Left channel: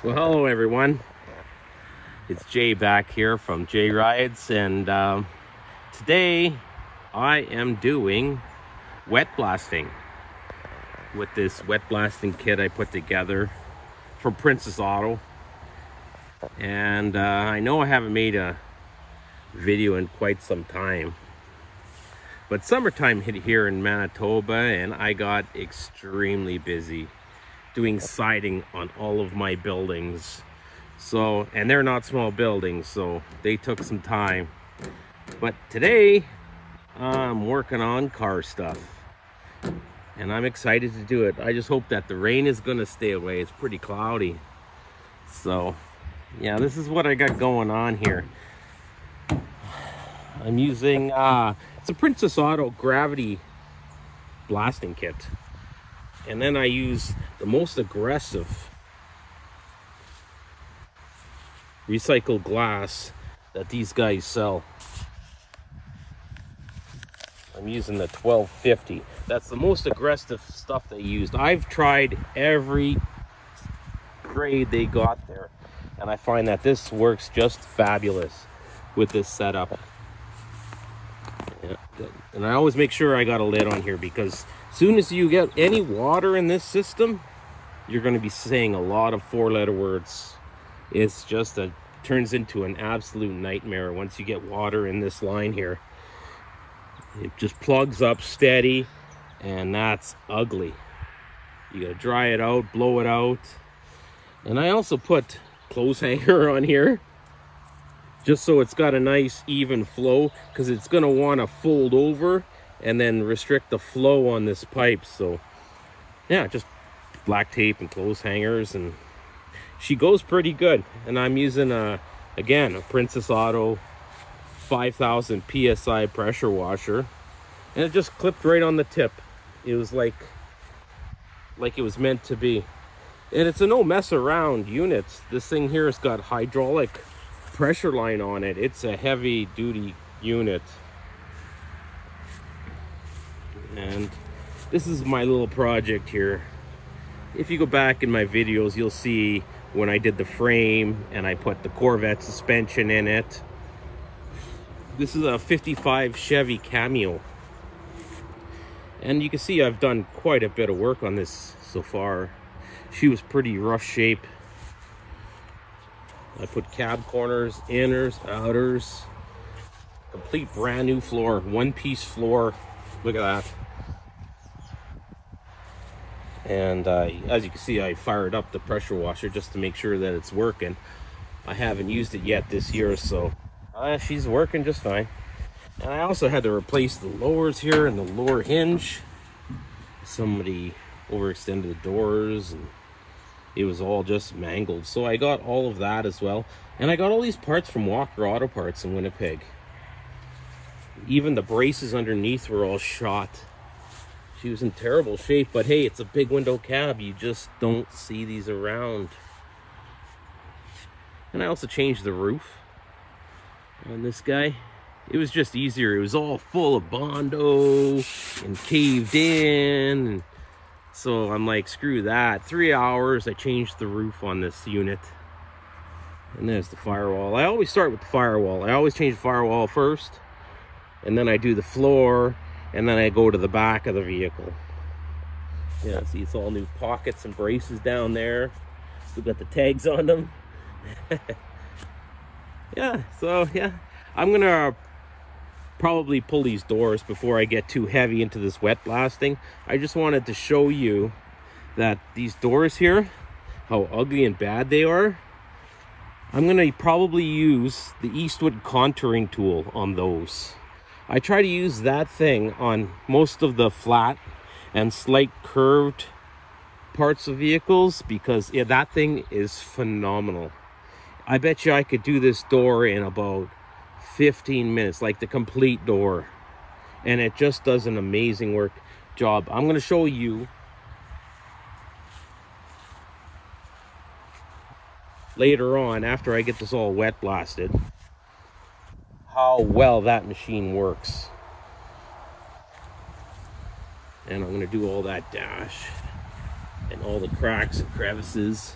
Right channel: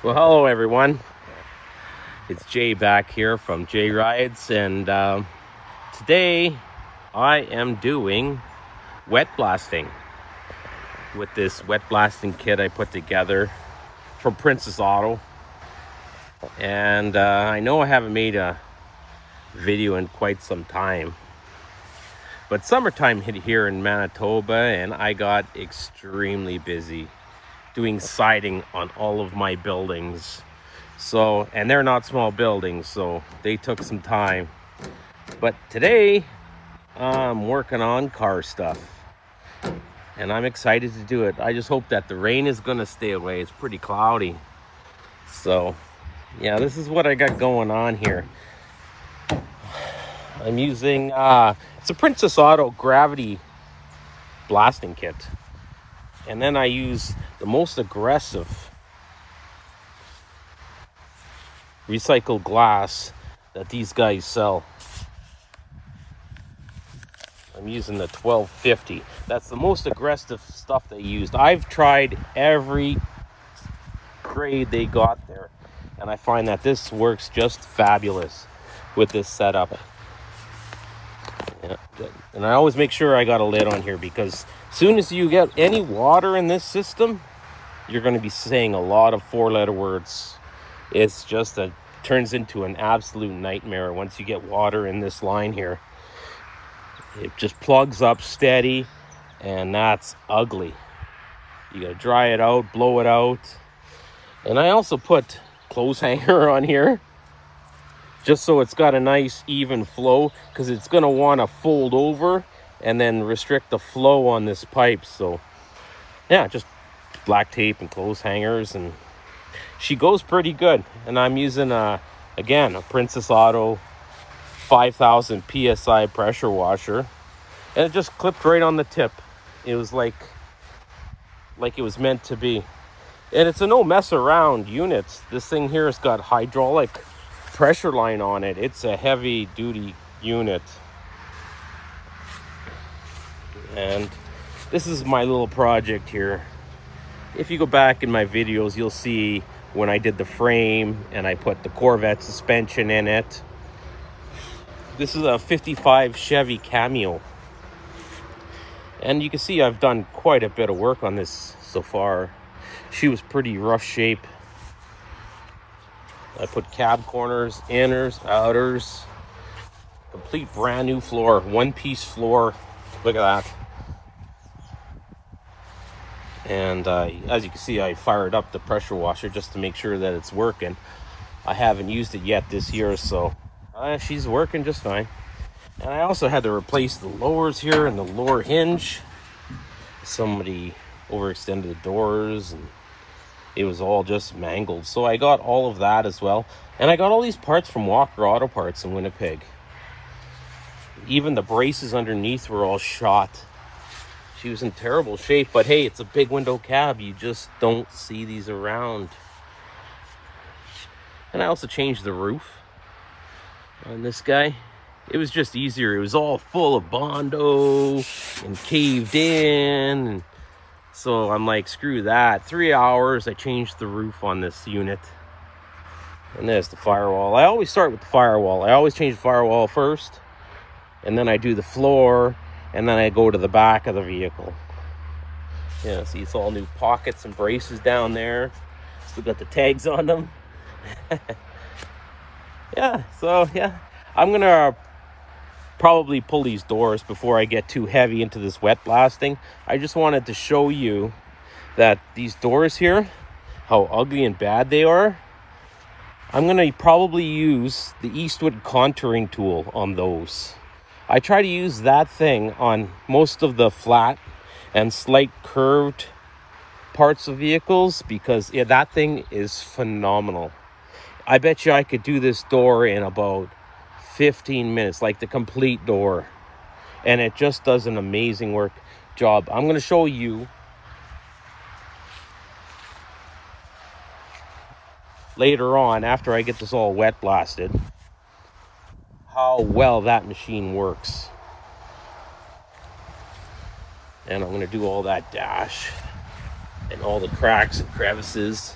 Well, hello everyone. It's Jay back here from Jay Rides, and today I am doing wet blasting with this wet blasting kit I put together from Princess Auto. And I know I haven't made a video in quite some time, but summertime hit here in Manitoba and I got extremely busy doing siding on all of my buildings. So, and they're not small buildings, so they took some time. But today I'm working on car stuff and I'm excited to do it. I just hope that the rain is gonna stay away. It's pretty cloudy. So yeah, this is what I got going on here. I'm using it's a Princess Auto gravity blasting kit. And then I use the most aggressive recycled glass that these guys sell. I'm using the 1250. That's the most aggressive stuff they used. I've tried every grade they got there, and I find that this works just fabulous with this setup. And I always make sure I got a lid on here, because as soon as you get any water in this system, you're going to be saying a lot of four-letter words. It's just turns into an absolute nightmare once you get water in this line here. It just plugs up steady, and that's ugly. You got to dry it out, blow it out. And I also put clothes hanger on here, just so it's got a nice even flow, because it's going to want to fold over and then restrict the flow on this pipe. So yeah, just black tape and clothes hangers, and she goes pretty good. And I'm using again a Princess Auto 5000 psi pressure washer, and it just clipped right on the tip. It was like it was meant to be. And it's a no mess around unit. This thing here has got hydraulic pressure line on it. It's a heavy duty unit. And this is my little project here. If you go back in my videos, you'll see when I did the frame and I put the Corvette suspension in it. This is a 55 Chevy Cameo. And you can see I've done quite a bit of work on this so far. She was pretty rough shape. I put cab corners, inners, outers, complete brand new floor, one-piece floor. Look at that. And as you can see, I fired up the pressure washer just to make sure that it's working. I haven't used it yet this year, so she's working just fine. And I also had to replace the lowers here and the lower hinge. Somebody overextended the doors and it was all just mangled. So I got all of that as well. And I got all these parts from Walker Auto Parts in Winnipeg. Even the braces underneath were all shot. She was in terrible shape, but hey, it's a big window cab. You just don't see these around. And I also changed the roof on this guy. It was just easier. It was all full of Bondo and caved in. And so I'm like, screw that. 3 hours, I changed the roof on this unit. And there's the firewall. I always start with the firewall. I always change the firewall first, and then I do the floor, and then I go to the back of the vehicle. Yeah, see, it's all new pockets and braces down there. Still got the tags on them. Yeah, so yeah, I'm gonna probably pull these doors before I get too heavy into this wet blasting. I just wanted to show you that these doors here, how ugly and bad they are. I'm gonna probably use the Eastwood contouring tool on those. I try to use that thing on most of the flat and slight curved parts of vehicles, because yeah, that thing is phenomenal. I bet you I could do this door in about 15 minutes, like the complete door. And it just does an amazing job. I'm going to show you later on, after I get this all wet blasted, how well that machine works. And I'm going to do all that dash and all the cracks and crevices.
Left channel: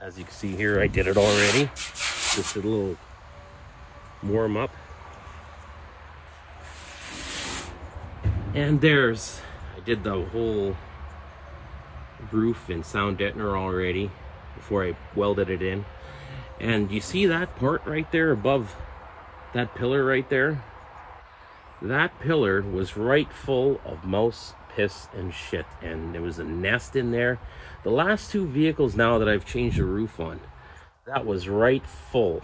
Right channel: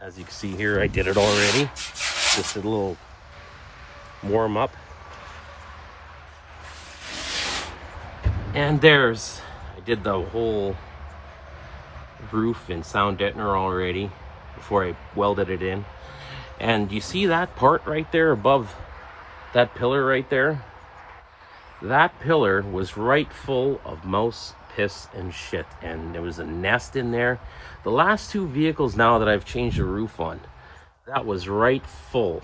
As you can see here, I did it already. Just a little warm up. And I did the whole roof in sound deadener already before I welded it in. And you see that part right there above that pillar right there? That pillar was right full of mouse piss and shit, and there was a nest in there. The last two vehicles now that I've changed the roof on, that was right full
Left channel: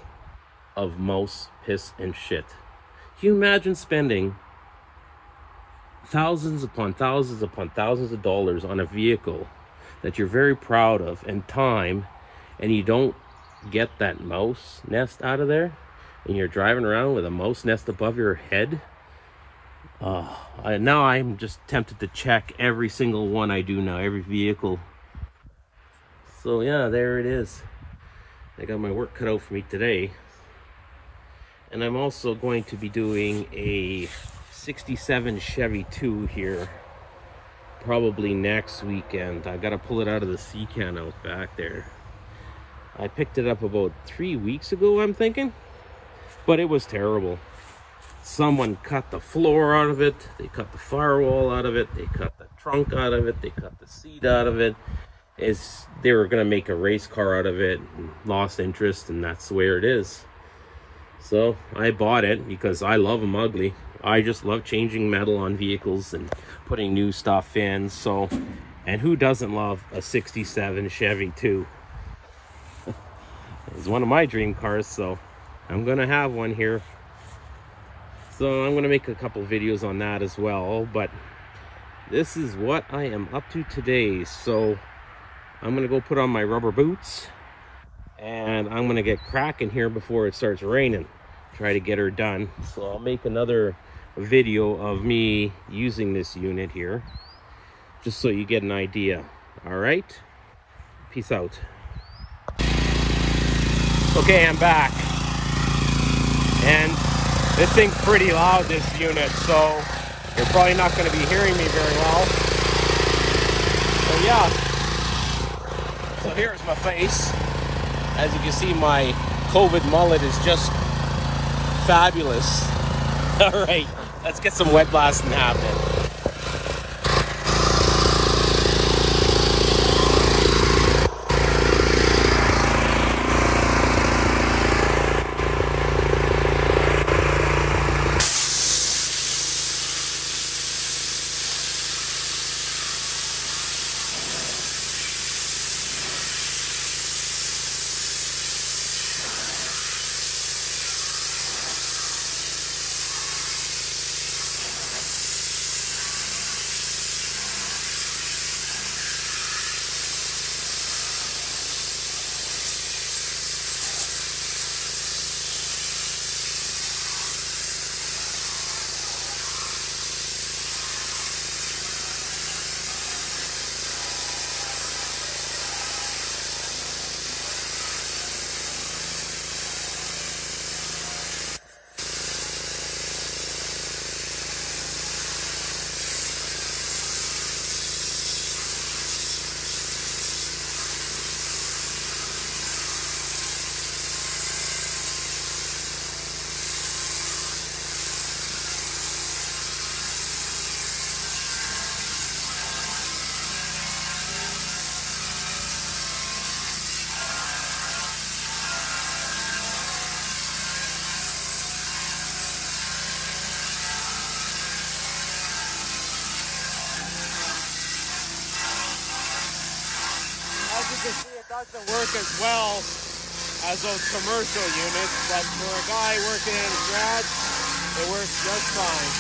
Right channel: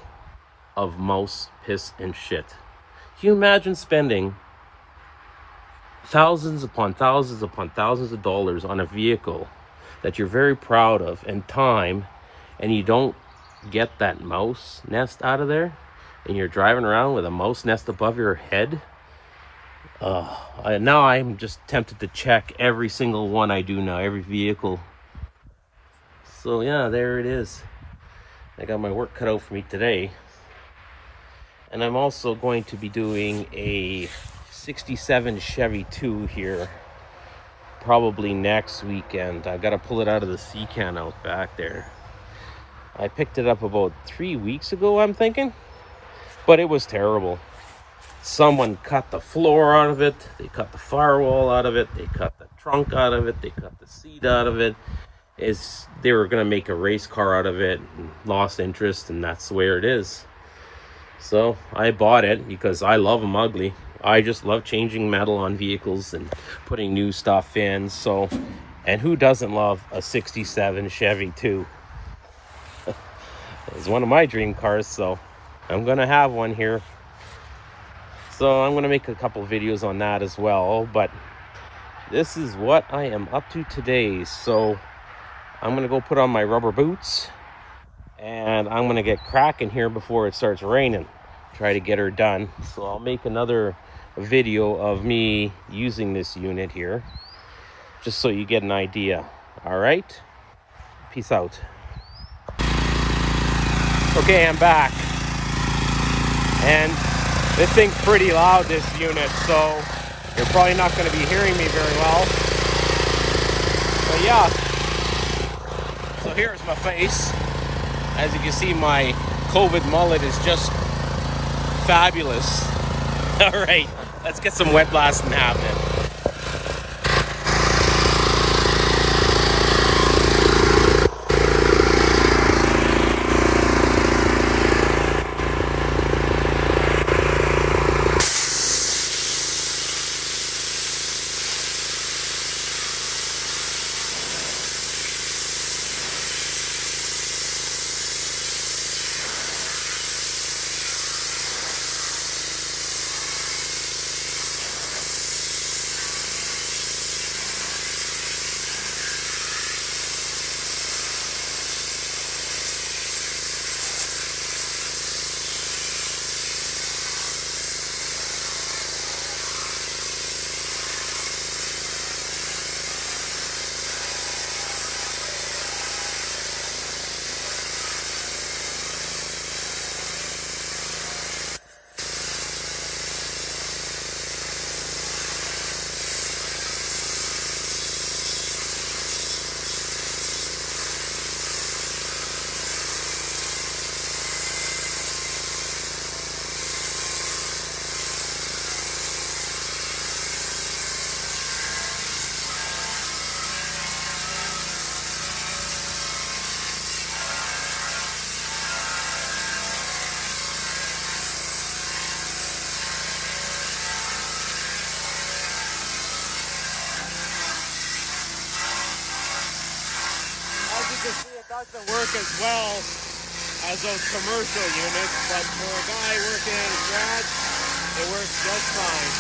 of mouse piss and shit. Can you imagine spending thousands upon thousands upon thousands of dollars on a vehicle that you're very proud of and time, and you don't get that mouse nest out of there, and you're driving around with a mouse nest above your head? Now I'm just tempted to check every single one I do now, every vehicle. So yeah, there it is. I got my work cut out for me today. And I'm also going to be doing a 67 Chevy 2 here probably next weekend. I've got to pull it out of the sea can out back there. I picked it up about 3 weeks ago, I'm thinking, but it was terrible. Someone cut the floor out of it, they cut the firewall out of it, they cut the trunk out of it, they cut the seat out of it. They were going to make a race car out of it, and lost interest, and that's where it is. So I bought it because I love them ugly. I just love changing metal on vehicles and putting new stuff in. So, and who doesn't love a 67 Chevy 2? It's one of my dream cars, so I'm going to have one here. So I'm going to make a couple videos on that as well. But this is what I am up to today. So I'm going to go put on my rubber boots, and I'm going to get cracking here before it starts raining. Try to get her done. So I'll make another video of me using this unit here, just so you get an idea. All right, peace out. Okay, I'm back, and this thing's pretty loud, this unit, so you're probably not going to be hearing me very well. But yeah, so here's my face. As you can see, my COVID mullet is just fabulous. All right, let's get some wet blasting happening. Doesn't work as well as those commercial units, but for a guy working in a garage, it works just fine.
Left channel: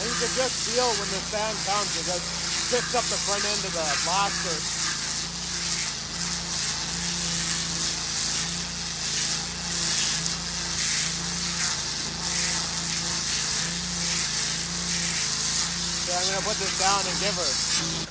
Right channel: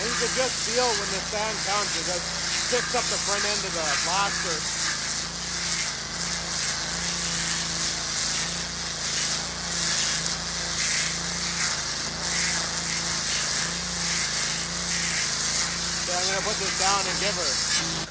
And you can just feel when the sand comes, it just picks up the front end of the blaster. So I'm going to put this down and give her.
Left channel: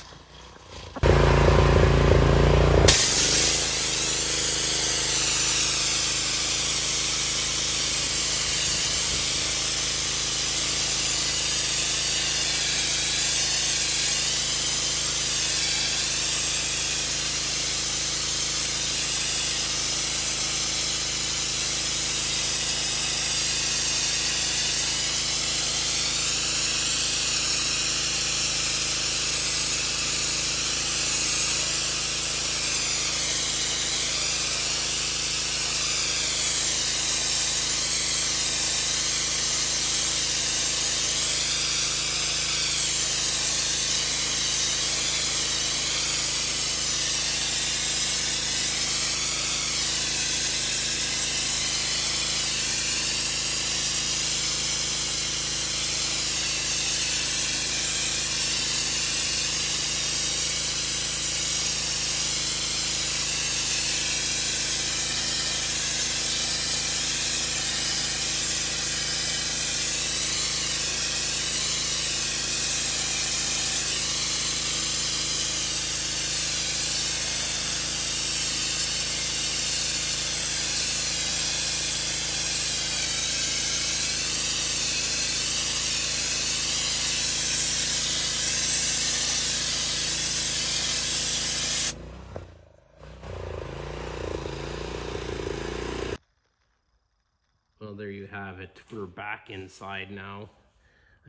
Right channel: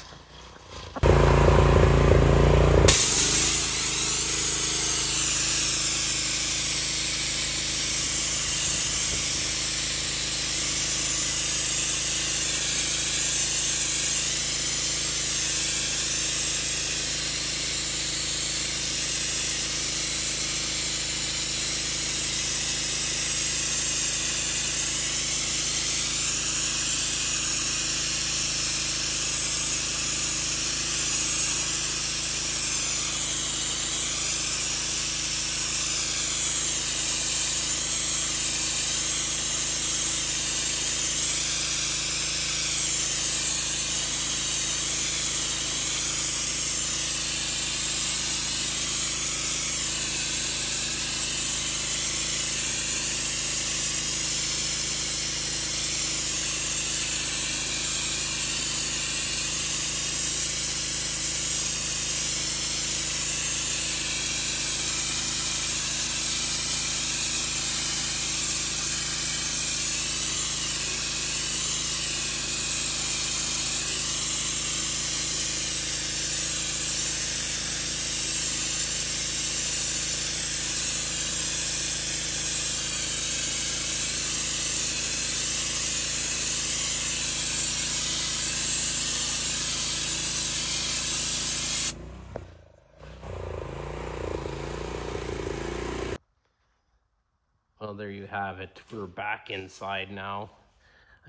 Well, there you have it. We're back inside now.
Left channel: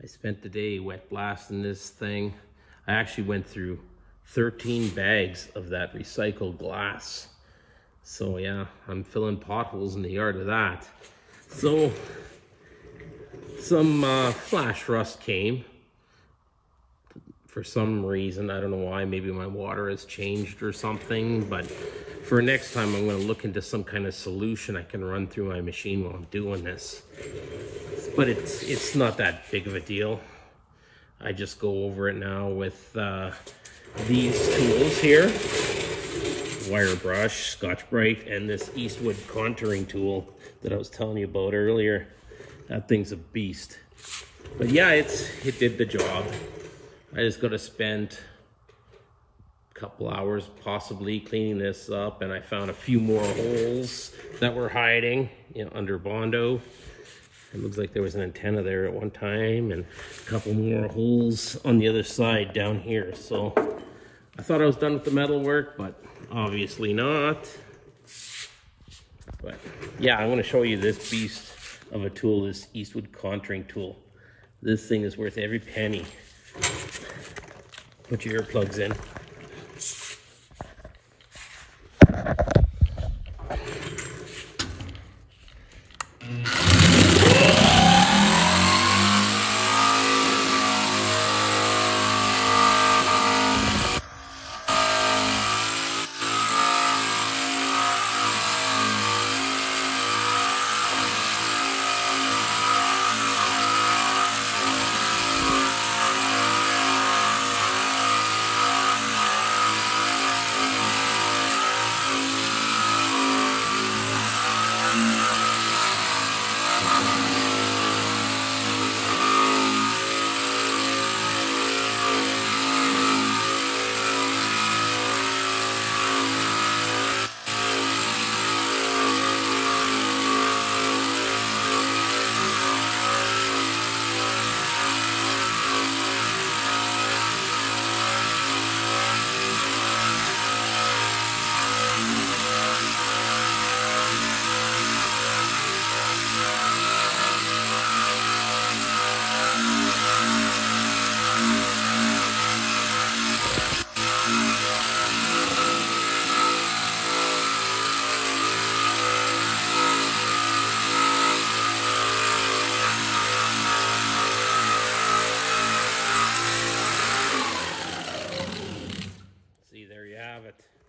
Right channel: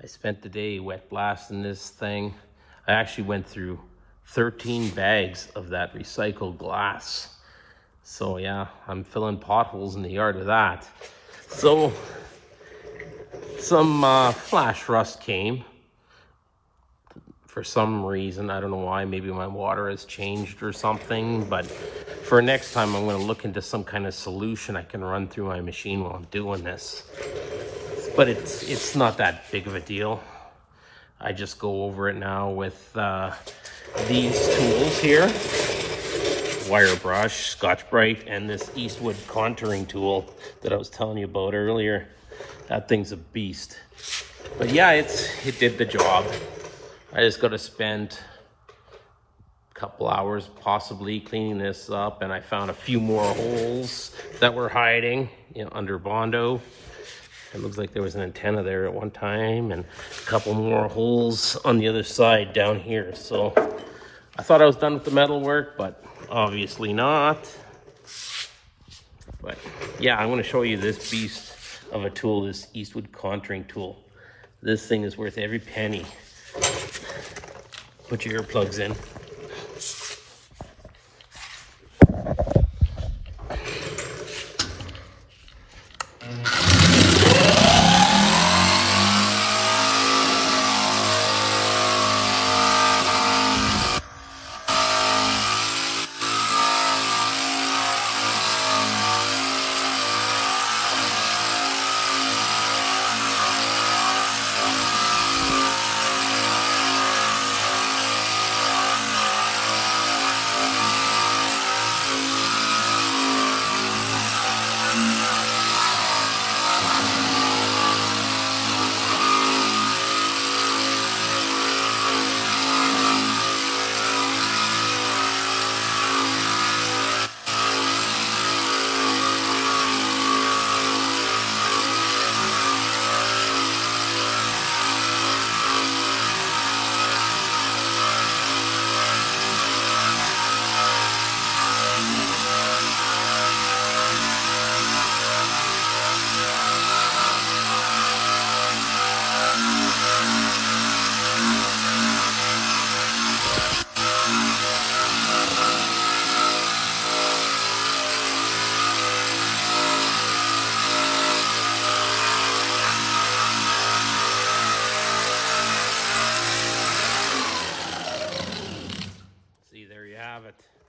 I spent the day wet blasting this thing. I actually went through 13 bags of that recycled glass. So yeah, I'm filling potholes in the yard with that. So some flash rust came. For some reason, I don't know why, maybe my water has changed or something, but for next time I'm going to look into some kind of solution I can run through my machine while I'm doing this. But it's not that big of a deal. I just go over it now with these tools here. Wire brush, Scotch-Brite, and this Eastwood contouring tool that I was telling you about earlier. That thing's a beast. But yeah, it did the job. I just got to spend a couple hours possibly cleaning this up, and I found a few more holes that were hiding, you know, under Bondo. It looks like there was an antenna there at one time, and a couple more holes on the other side down here. So I thought I was done with the metal work, but obviously not. But yeah, I want to show you this beast of a tool, this Eastwood contouring tool. This thing is worth every penny. Put your earplugs in.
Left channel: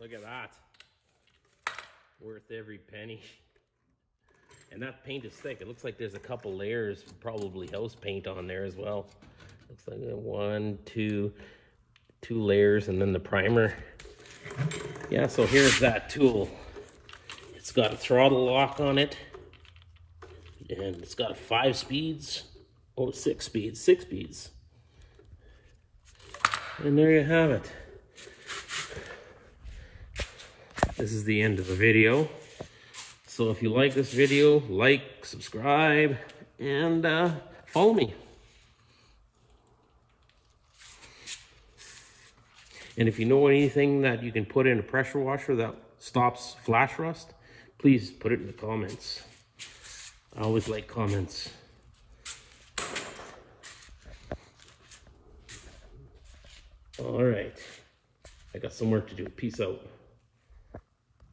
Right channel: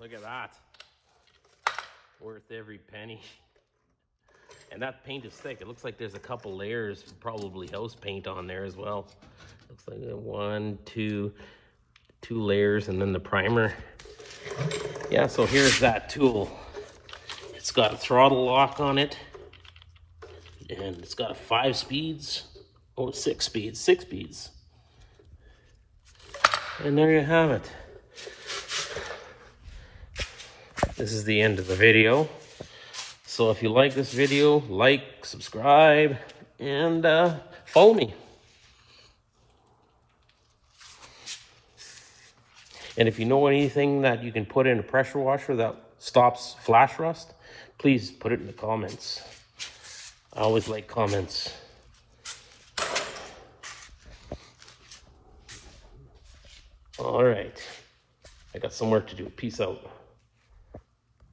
Look at that. Worth every penny. And that paint is thick. It looks like there's a couple layers, probably house paint on there as well. Looks like two layers, and then the primer. Yeah, so here's that tool. It's got a throttle lock on it, and it's got 5 speeds. Oh, 6 speeds, 6 speeds. And there you have it. This is the end of the video. So if you like this video, like, subscribe, and follow me. And if you know anything that you can put in a pressure washer that stops flash rust, please put it in the comments. I always like comments. All right. I got some work to do. Peace out.